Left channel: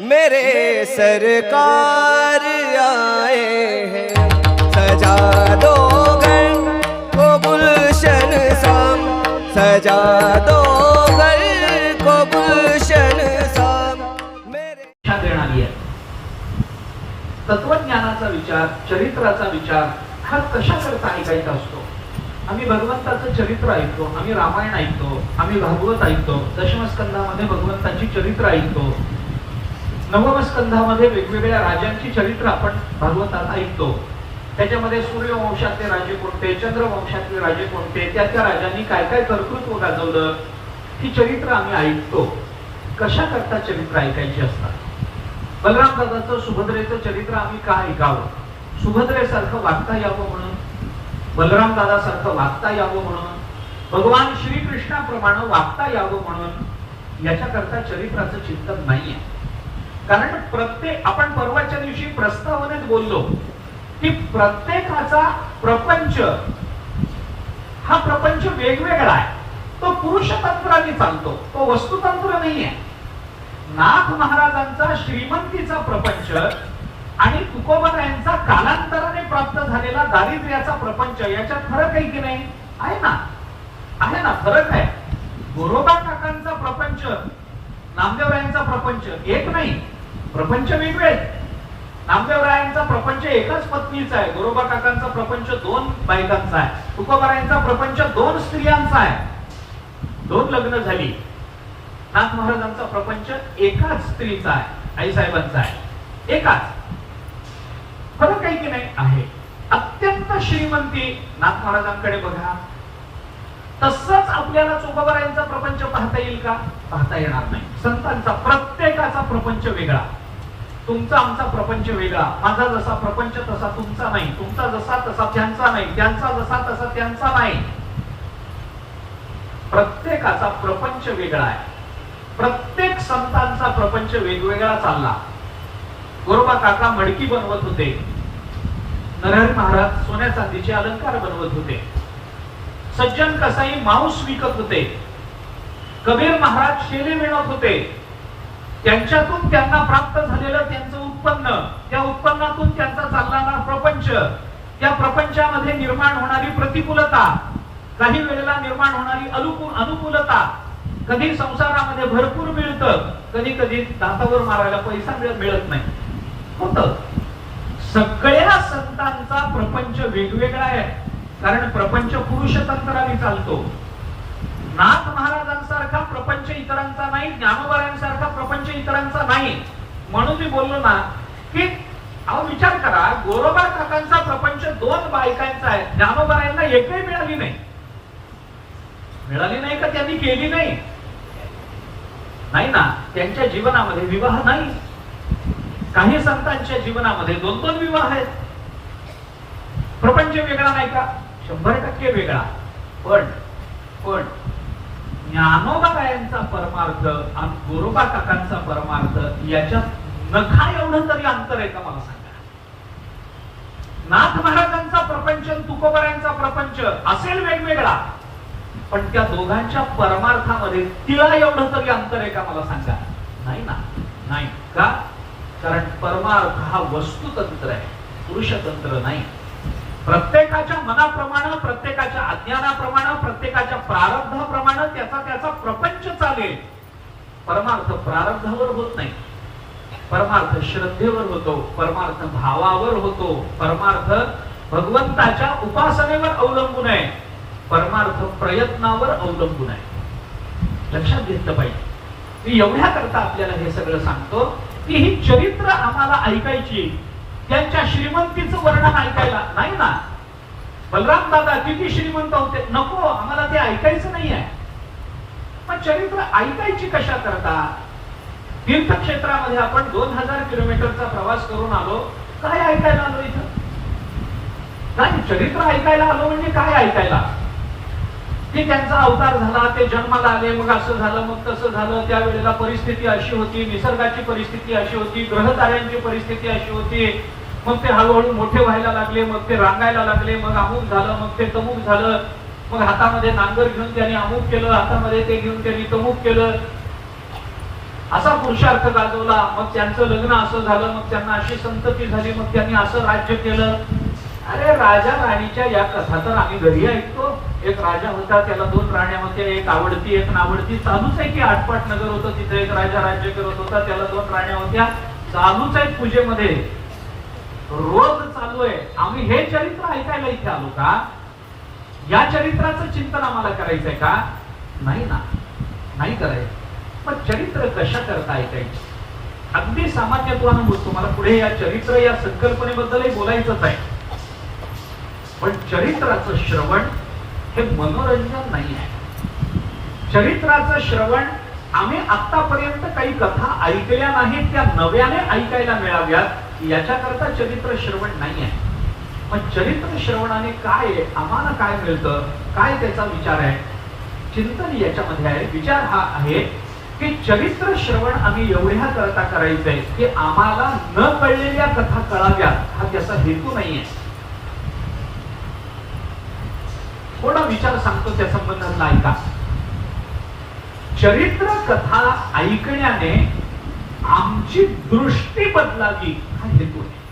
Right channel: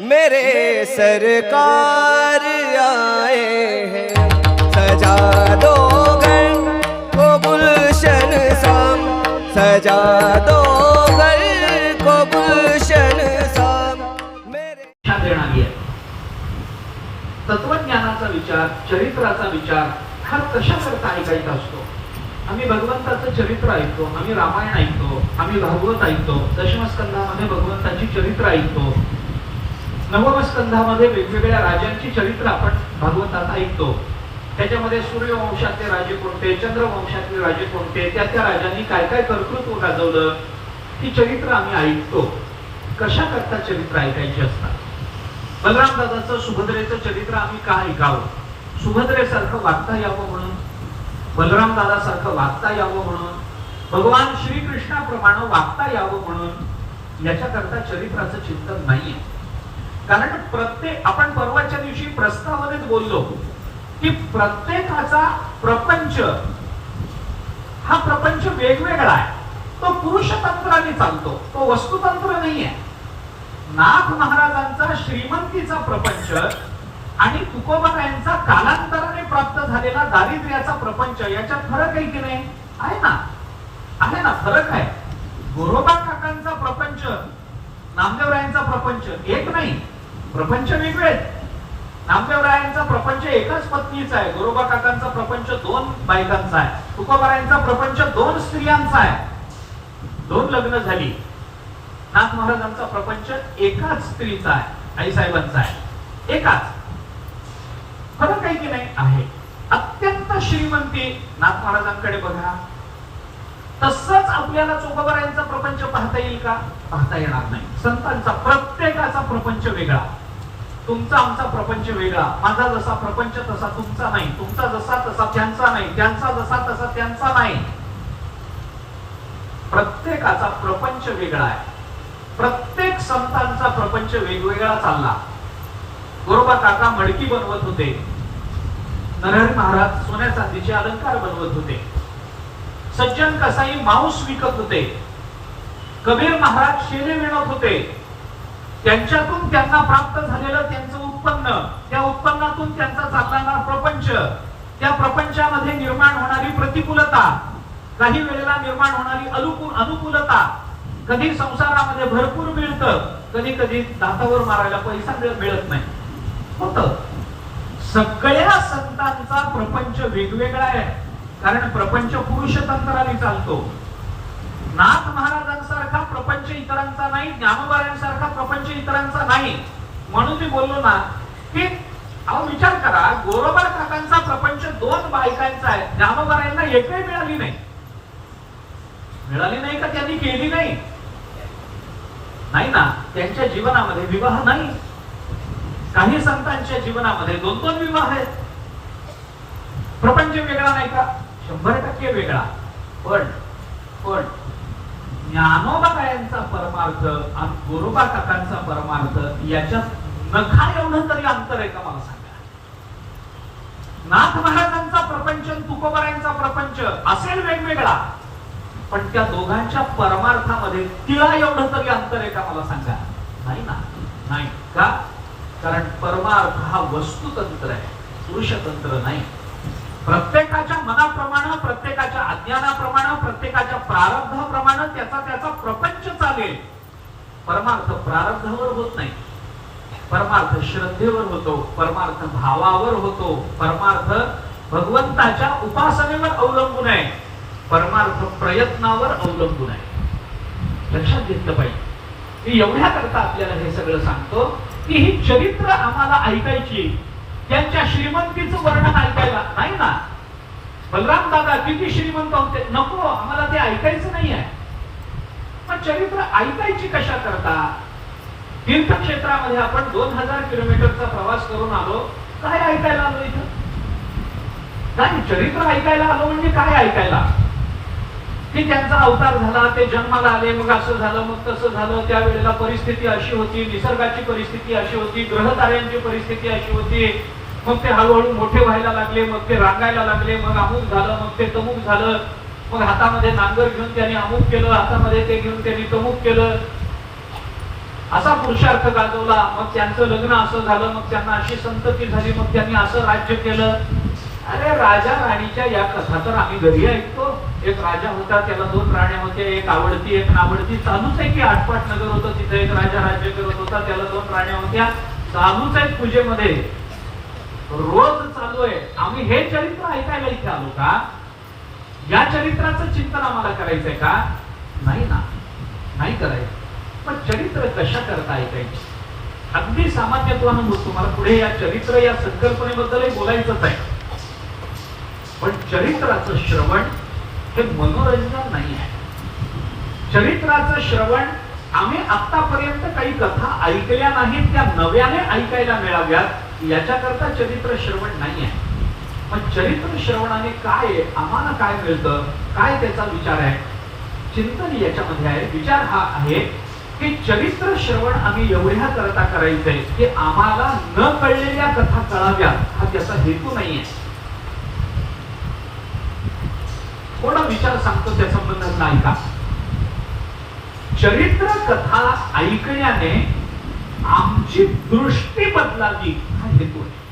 मेरे सरकार आए हैं। सजा दो घर को गुलशन शाम सजा दो घर को गुलशन शाम मेरे शिक्षा देणारी आहे. तत्वज्ञानाचा विचार चरित्राचा विचार हा कशा करता ऐकायचा असतो? आम्ही भगवंताचं चरित्र ऐकतो आम्ही रामायण ऐकतो आम्ही भागवत ऐकतो दशमस्कंदामध्ये भगवंताची चरित्र ऐकतो. नवमस्कंधामध्ये वेगवेगळ्या राजांची चरित्र आपण भागवतात ऐकतो. त्याच्यामध्ये सूर्यवंशातले राजे कोणते चंद्रवंशातले राजे कोणते त्या त्या राजांनी काय काय कर्तृत्व गाजवलं ही चरित्र आम्ही ऐकतो. कशा करता चरित्र ऐकायची असतात? बलराम दादाचं सुभद्रेचं चरित्र आम्ही का ऐकावं? सुभद्रेसारखं वागता यावं म्हणून? बलराम दादासारखं वागता यावं म्हणून? भगवान श्रीकृष्णाप्रमाणे वागता यावं म्हणून? याच्याकरता चरित्राचं चिंतन नाहीये. कारण प्रत्येक आपण परवाच्या दिवशी प्रस्तावनेत बोललो की प्रत्येकाचा प्रपंच हा प्रपंच वेगवेगळा आहे. तो पुरुषतंत्राने चालतो तो वस्तुतंत्र आहे नाथ महाराजांचा श्रीमंतीचा प्रपंच आणि तुकोबरायांचा कालांतराने प्राप्त झालेला दारिद्र्याचा प्रपंच याच्यात फरक आहे की नाही? आहे ना? आहे ना? फरक आहे. गोरोबा काकांचा प्रपंच नामदेवरायांचा प्रपंच एक नाही. प्रपंच वेगळे नामदेवरायांचा प्रपंच एकाच पत्नीचा आहे. गोरोबा काकांचा प्रपंच दोन बायकांचा आहे. तुकोबारायांचा प्रपंच दोन स्त्रियांचा आहे. दोन लग्न झाली. नाथ महाराजांचा प्रपंच एकाच स्त्रीचा आहे. आईसाहेबांचा आहे. एकाच. फरक काही की नाही? आहे. अत्यंत श्रीमंती नाथ महाराजांकडे बघा. तसंच आपल्याला चोखोबरायांचा प्रपंच पाहता येईल का? पाहता येणार नाही. संतांचा प्रत्येकाचा प्रपंच वेगळा. तुमचा आमचा प्रपंच वेगळा. माझा जसा प्रपंच तसा तुमचा नाही. तुमचा जसा तसा त्यांचा नाही. त्यांचा जसा तसा त्यांचा नाही. प्रत्येकाचा प्रपंच वेगळा आहे. प्रत्येक संतांचा प्रपंच वेगवेगळा चालला. गोरोबा काका मडकी बनवत होते. नरहरी महाराज सोन्या चांदीचे अलंकार बनवत होते. सज्जन कसाई मांस विकत होते. कबीर महाराज शेरे विणत होते. त्यांच्यातून त्यांना प्राप्त झालेलं त्यांचं उत्पन्न त्या उत्पन्नातून त्यांचा चालणारा प्रपंच त्या प्रपंचामध्ये निर्माण होणारी प्रतिकूलता काही वेळेला निर्माण होणारी अनुकूल अनुकूलता कधी संसारामध्ये भरपूर मिळतं कधी कधी दातावर मारायला पैसा मिळत नाही. होत. सगळ्या संतांचा प्रपंच वेगवेगळा आहे. कारण प्रपंच पुरुष तंत्राने चालतो. नाथ महाराजांसारखा प्रपंच इतरांचा नाही ज्ञानोबारांसारखा इतरांचा नाही. म्हणून मी बोललो ना की अहो विचार करा गोरोबा काकांचा प्रपंच दोन बायकांचा आहे. ज्ञानोबारांना एकही मिळाली नाही. मिळाली नाही का त्यांनी केली नाही? नाही ना त्यांच्या जीवनामध्ये विवाह नाही. काही संतांच्या जीवनामध्ये दोन दोन विवाह आहेत. प्रपंच वेगळा नाही का? शंभर टक्के वेगळा. पण पण ज्ञानोबारायांचा परमार्थ आणि गोरोबा काकांचा परमार्थ याच्यात नखा एवढं तरी अंतर आहे का मला सांगा? नाथ महाराजांचा प्रपंच आणि प्रपंच असेल वेगवेगळा पण त्या दोघांच्या परमार्थामध्ये तिला एवढं तरी अंतर आहे का मला सांगा? नाही ना नाही. का? कारण परमार्थ हा वस्तुतंत्र आहे पुरुषतंत्र नाही. प्रत्येकाच्या मनाप्रमाणे प्रत्येकाच्या अज्ञानाप्रमाणे प्रत्येकाच्या प्रारब्धाप्रमाणे त्याचा त्याचा प्रपंच चालेल. परमार्थ प्रारब्धावर होत नाही. परमार्थ श्रद्धेवर होतो परमार्थ भावावर होतो परमार्थ भगवंताच्या उपासनेवर अवलंबून आहे परमार्थ प्रयत्नावर अवलंबून आहे. लक्षात घेतलं पाहिजे. मी एवढ्या करता आपल्याला हे सगळं सांगतो की ही चरित्र आम्हाला ऐकायची त्यांच्या श्रीमंतीचं वर्णन ऐकायला नाही ना? बलराम दादा किती श्रीमंत होते? नको आम्हाला ते ऐकायचं नाही आहे. पण चरित्र ऐकायची कशा करता तीर्थक्षेत्रामध्ये आपण दोन हजार किलोमीटरचा प्रवास करून आलो. काय ऐकायला आलो इथं? नाही चरित्र ऐकायला आलो म्हणजे काय ऐकायला? की त्यांचा अवतार झाला ते जन्माला आले मग असं झालं मग तसं झालं. त्यावेळेला परिस्थिती अशी होती निसर्गाची परिस्थिती अशी होती ग्रहताऱ्यांची परिस्थिती अशी होती. मग ते हळूहळू मोठे व्हायला लागले मग ते रांगायला लागले मग अमुक झालं मग ते तमुक झालं. मग हातामध्ये नांगर घेऊन त्याने अमुक केलं हातामध्ये ते घेऊन त्यांनी तमुक केलं. असा पुरुषार्थ गाजवला. मग त्यांचं लग्न असं झालं मग त्यांना अशी संतती झाली मग त्यांनी असं राज्य केलं. अरे राजा राणीच्या या कथा तर आम्ही घरी ऐकतो. एक राजा होता त्याला दोन राण्या होत्या एक आवडती एक नावडती. चालूच आहे की आटपाट नगर होतं तिथे एक राजा राज्य करत होता त्याला दोन राण्या होत्या. चालूच आहे पूजेमध्ये रोज चालू आहे. आम्ही हे चरित्र ऐकायला इथे आलो का? या चरित्राचं चिंतन आम्हाला करायचंय का? नाही ना. नाही करायचं. पण चरित्र कशा करता ऐकायचं अगदी सामान्यत्वानं तुम्हाला पुढे या चरित्र या संकल्पनेबद्दलही बोलायचंच आहे. पण चरित्राचं श्रवण हे मनोरंजन नाही आहे चरित्राचं श्रवण आम्ही आतापर्यंत काही कथा ऐकल्या नाहीत त्या नव्याने ऐकायला मिळाव्यात याच्याकरता चरित्र श्रवण नाही आहे पण चरित्र श्रवणाने काय आम्हाला काय मिळतं काय त्याचा विचार आहे? चिंतन याच्यामध्ये आहे. विचार हा आहे की चरित्र श्रवण आम्ही एवढ्या करता करायचंय की आम्हाला न कळलेल्या कथा कळाव्या हा त्याचा हेतू नाहीये. थोडा विचार सांगतो त्या संबंधातला ऐका चरित्र कथा ऐकण्याने आमची दृष्टी बदलावी हा हेतू आहे.